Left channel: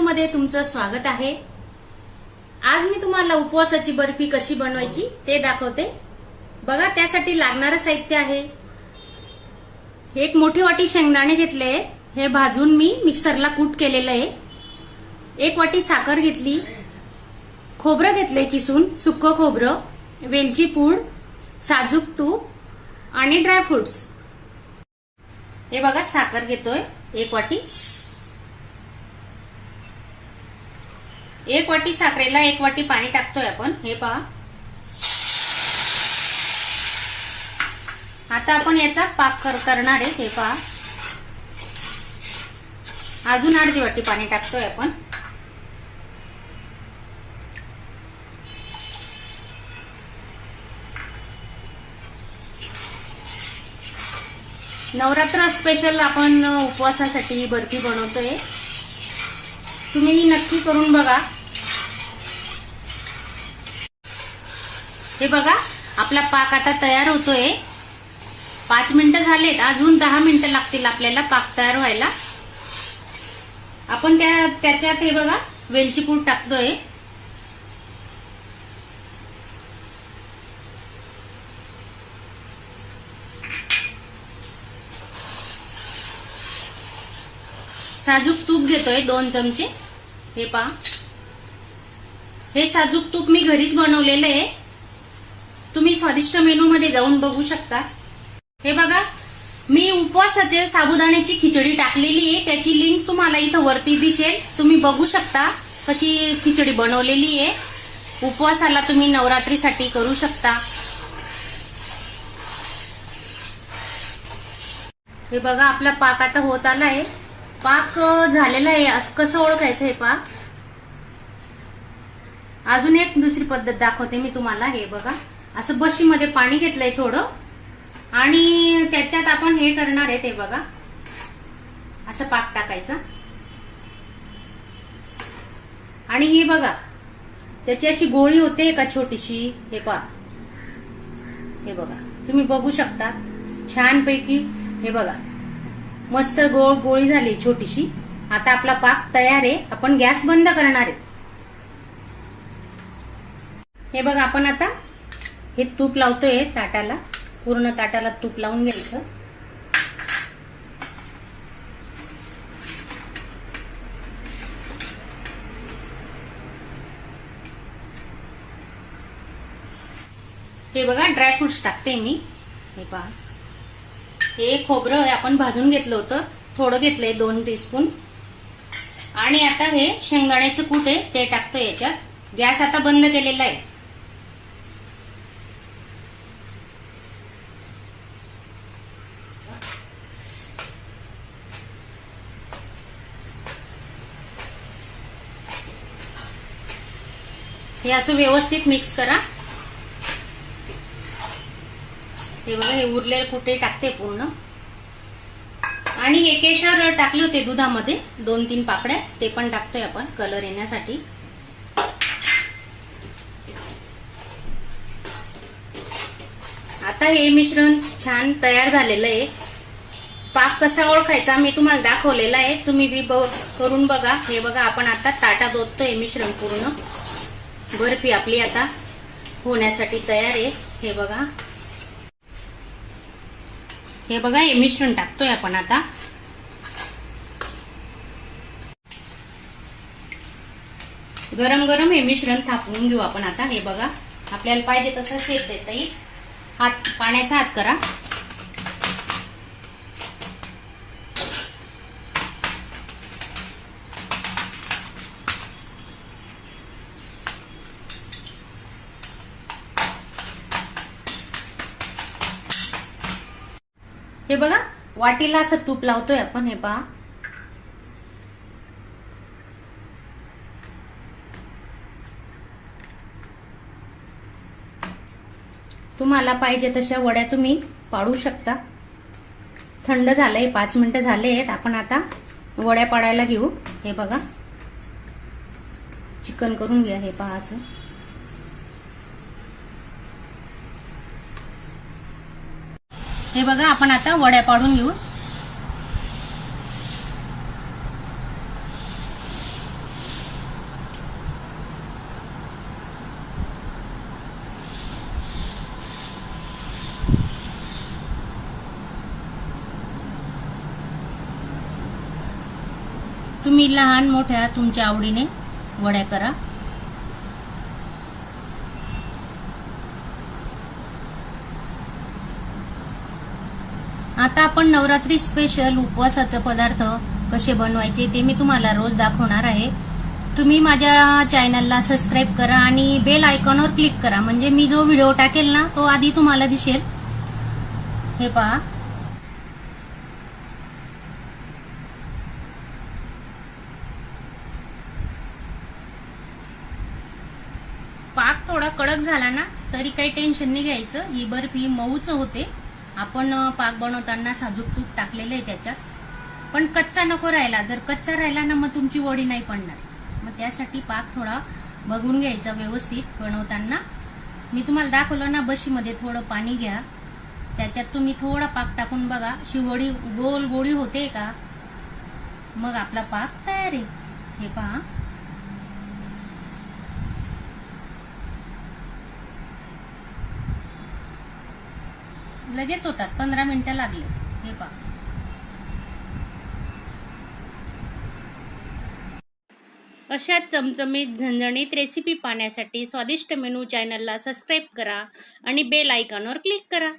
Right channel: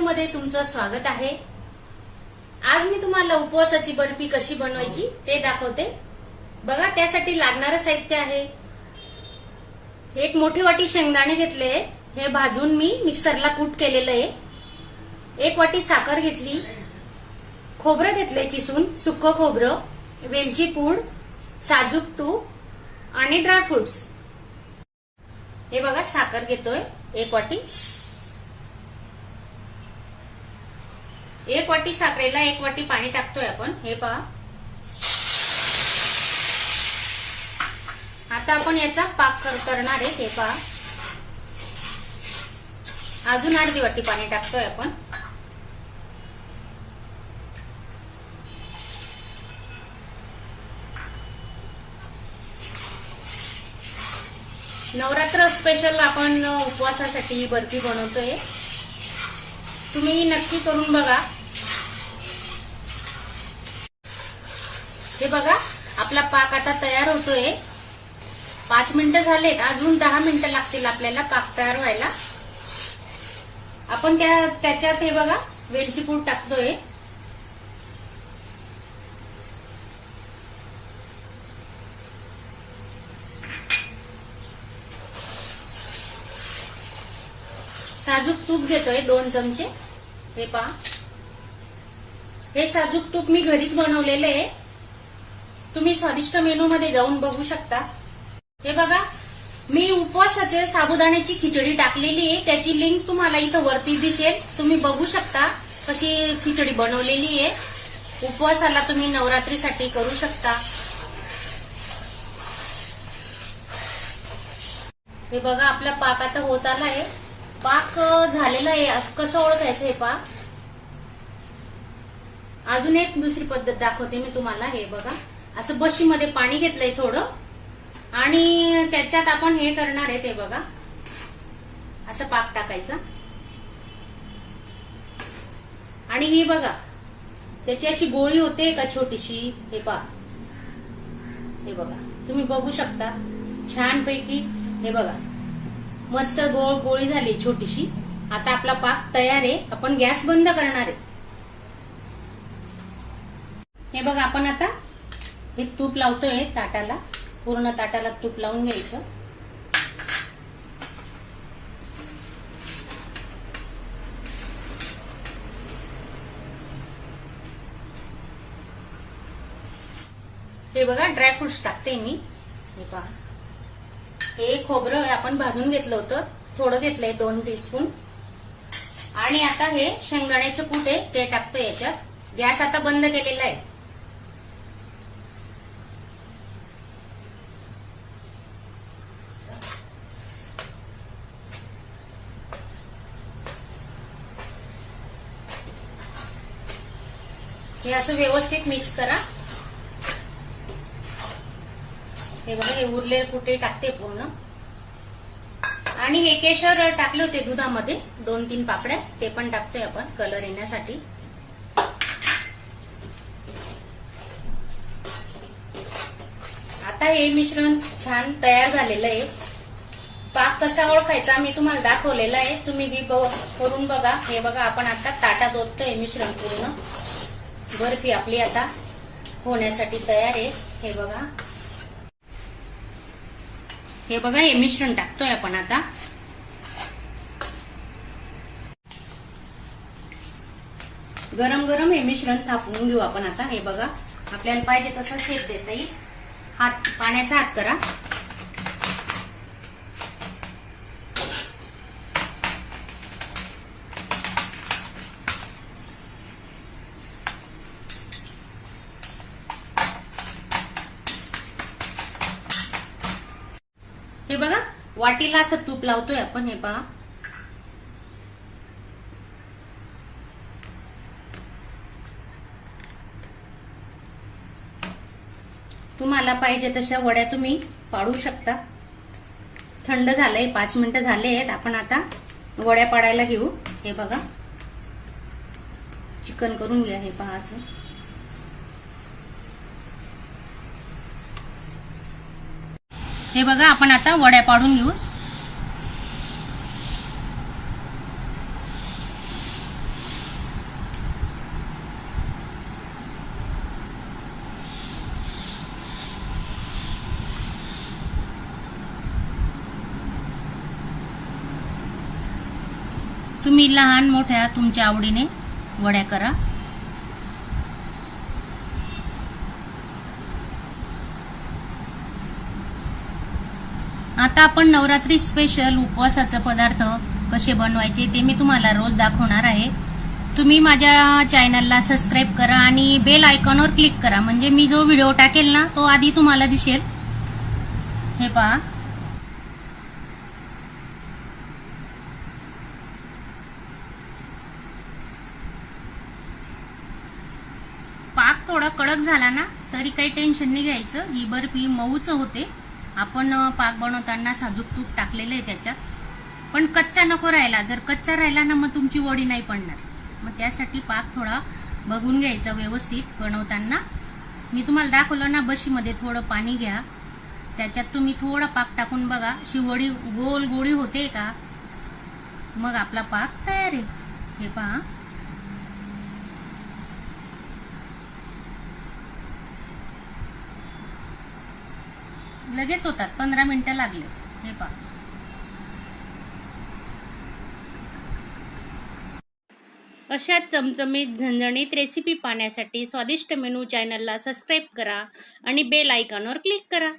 Menu मध्ये तुमचं स्वागत आहे। आज मी तुम्हाला उपवासाची बर्फी कशी बनवायची ते दाखवते। बघा, त्यासाठी लागणारं साहित्य आहे, एक मोठी वाटी शेंगदाणे घेतले, हे भाजून मी मिक्सरला कूट केलेलं आहे। एक वाटी साखर घेतली, खोबरं घेतलंय किसून, सुक्क खोबरं, वेलची पूड, साजूक तूप आणि ड्रायफ्रुट्स। हे बघा, साखर घेतोय एक वाटी, एक वाटी साखरेला एक वाटी पाणी टाकतोय आपण। हे पहा, आता आपण याचा पाक करणार आहे। हे पहा, अजून अर्धी वाटी पाणी टाकतोय आपण। नवरात्र स्पेशल आपण उपवासासाठी बर्फी बनवतोय, तुम्ही नक्की करून बघा। हे बघा, आपला पाक आता तयार होतोय। 5 मिनिटं झालेत, अजून 10 मिनिटं लागतील आपल्याला पाक तयार व्हायला। आपण त्याच्यात हे बघा वेलची पूड टाकतोय, साजूक तूप घेतोय 2 चमचे। हे पहा, हे साजूक तूप मी घरीच बनवलेलं आहे, तुम्ही स्वादिष्ट मेनू मध्ये जाऊन बघू शकता। हे बघा, मी उपवासाचे साबुदाण्याची खिचडी टाकलेली आहे, त्याची लिंक तुम्हाला इथं वरती दिसेल, तुम्ही बघू शकता कशी खिचडी बनवलेली आहे। उपवासाला तुम्ही नवरात्रीसाठी करू शकता। हे बघा, आपला पाक आता होत आला आहे, पाक झालेला आहे। असं कसं ओळखायचं हे पहा। अजून एक दुसरी पद्धत दाखवते मी तुम्हाला। हे बघा, असं बशीमध्ये पाणी घेतलंय थोडं, आणि त्याच्यात आपण हे करणार आहे। ते बघा, असं पाक टाकायचं, आणि ही बघा त्याची अशी गोळी होते का छोटीशी। हे पहा, हे बघा, तुम्ही बघू शकता छानपैकी। हे बघा, मस्त गोळी झाली छोटीशी। आता आपला पाक तयार आहे, आपण गॅस बंद करणार आहे। हे बघा, आपण आता हे तूप लावतोय ताटाला, पूर्ण ताटाला तूप लावून घ्यायचं। हे बघा, ड्रायफ्रुट्स टाकते मी। हे पहा, हे खोबरं आपण भाजून घेतलं होतं, थोडं घेतलंय 2 टीस्पून, आणि आता हे शेंगदाण्याचं कूट आहे ते टाकतोय याच्यात। गॅस आता बंद केलेला आहे। हे असं व्यवस्थित मिक्स करा। हे बघा, हे उरलेले कुठे टाकते पूर्ण, आणि हे केशर टाकले होते दुधामध्ये 2-3 पाकड्या, ते पण टाकतोय आपण कलर येण्यासाठी। आता हे मिश्रण छान तयार झालेलं आहे। पाक कसा ओळखायचा मी तुम्हाला दाखवलेला आहे, तुम्ही बी करून बघा। हे बघा, आपण आता ताटात ओततोय मिश्रण पूर्ण। बर्फी आपली आता होण्यासाठी तयार आहे। हे बघा, हे बघा, हे मिश्रण टाकतोय आपण आता। गरम गरम हे मिश्रण थापून घेऊ आपण आता। हे बघा, आपल्याला पाहिजे तसं शेप देता येईल। पाण्याचा हात करा। हे बघा, वाटीला असं तूप लावतोय आपण। हे पहा, तुम्हाला पाहिजे तशा वड्या तुम्ही पाडू शकता। थंड झालंय, 5 मिनिटं झालेत, आपण आता वड्या पाडायला घेऊ। हे बघा, चिकन करून घ्या। हे पहा, असं हे बघा, आपण आता वड्या पाडून घेऊ। तुम्ही लहान मोठ्या तुमच्या आवडीने वड्या करा. आता आपण नवरात्री स्पेशल उपवासाचे पदार्थ कसे बनवायचे ते मी तुम्हाला रोज दाखवणार आहे. तुम्ही माझ्या चॅनलला सबस्क्राईब करा आणि बेल आयकॉनवर क्लिक करा, म्हणजे मी जो व्हिडिओ टाकेल ना तो आधी तुम्हाला दिसेल. हे पहा, पाक थोडा कडक झाला ना तरी काही टेन्शन नाही घ्यायचं. ही बर्फी मऊच होते. आपण पाक बनवताना साजूक तूप टाकलेलं आहे त्याच्यात, पण कच्चा नको राहिला. जर कच्चा राहिला ना मग तुमची वडी नाही पडणार. मग त्यासाठी पाक थोडा बघून घ्यायचा व्यवस्थित बनवताना. मी तुम्हाला दाखवलं ना, बशीमध्ये थोडं पाणी घ्या, त्याच्यात तुम्ही थोडा पाक टाकून बघा, अशी वडी गोल गोळी होते का, मग आपला पाक तयार आहे. हे पहा, लगेच होतात, 15 मिनिटं लागले. हे पहा, अशाच चमचमीत झणझणीत रेसिपी पाहण्यासाठी स्वादिष्ट मेनू चॅनलला सबस्क्राईब करा आणि बेल आयकॉनवर क्लिक करा.